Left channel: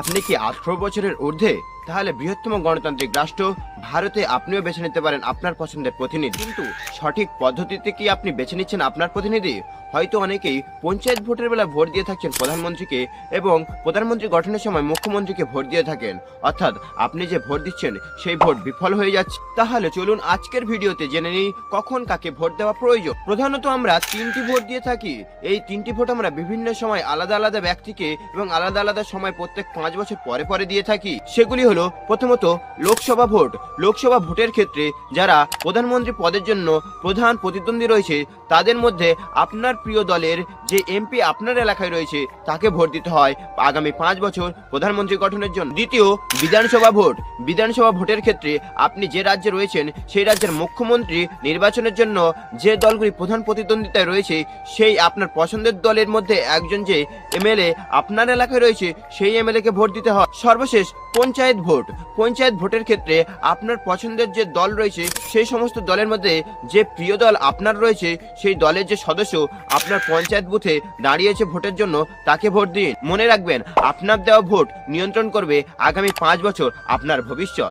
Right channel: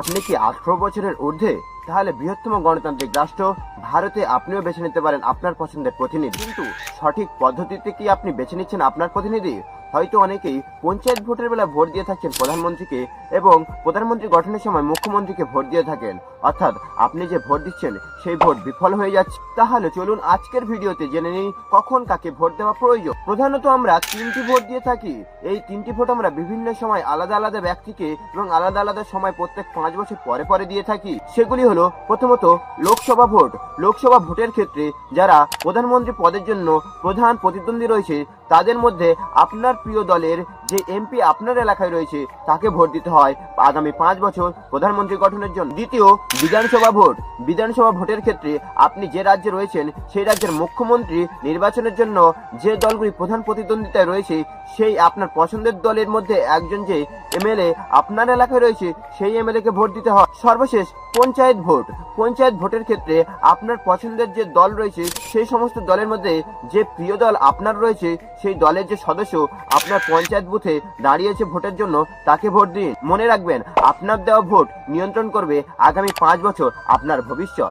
আপনি কি 18 বছরের ঊর্ধ্বে? তাহলে বৃহত্তম গণতান্ত্রিক রাষ্ট্র ভারতে আপনিও বেছে নিতে পারেন আপনার পছন্দের প্রতিনিধি। কিন্তু সঠিক পদ্ধতিতে কি আপনি বেছে নিচ্ছেন আপনার প্রতিনিধি? হয়তো অনেকেই পঞ্চায়েত ভোটের বেলা ভোট দিয়ে থাকছেন প্রধানমন্ত্রীকে এবং প্রধানমন্ত্রী গঠনের সময় মুখ্যমন্ত্রীকে ভোট দিয়ে থাকেন, অর্থাৎ আপনি যে ভোট দিচ্ছেন সেই ভোট বিফল হয়ে যাচ্ছে। তাহলে চলুন আজকের ভিডিওতে জেনে নিই কখন কাকে ভোট দেওয়া প্রয়োজন। প্রধানত আমরা 3টি ভোট দিয়ে থাকি। এই 3টি ভোট আমরা বিভিন্ন সময় আলাদা আলাদা ব্যক্তিকে এবং আলাদা আলাদা সময় প্রত্যেক 5 বছর পরে পরে দিয়ে থাকি। সেগুলি হলো প্রথমত লোকসভা ভোট। লোকসভা ভোটের ক্ষেত্রে যারা প্রধানমন্ত্রী পদের জন্য প্রধান প্রতিদ্বন্দ্বী রয়েছে তাদের মধ্যে আপনার প্রিয় দলের যে এমপি আপনার এলাকায় রয়েছে তাকে ভোট দিতে হয় আগামী 5 বছর প্রধানমন্ত্রী গঠনের জন্য। দ্বিতীয়, বিধানসভা ভোট। বিধানসভা ভোটের ক্ষেত্রে আপনি যে রাজ্যে রয়েছেন সেই রাজ্যের মুখ্যমন্ত্রী নির্বাচনের জন্য যে দলগুলি প্রধান প্রতিদ্বন্দ্বিতায় রয়েছে সেই আপনার পছন্দের দলের মধ্যে একজন যে এমএলএ আপনার এলাকায় রয়েছে সেই এমএলএ কে ভোট দিতে হয়। সর্বশেষ পঞ্চায়েত ভোট। পঞ্চায়েত ভোটের ক্ষেত্রে আপনার পছন্দের যে দল রয়েছে সেই সমস্ত দলের মধ্যে যে প্রিয় দল আপনার রয়েছে সেই দলের যে সদস্য আপনার পঞ্চায়েত বুথে দাঁড়িয়েছে ভোটের জন্য তাকে ভোট দিন। মনে রাখবেন, আপনার দেওয়া ভোট নিয়ন্ত্রণ করবে আগামী 5 বছর আপনার ভবিষ্যৎ।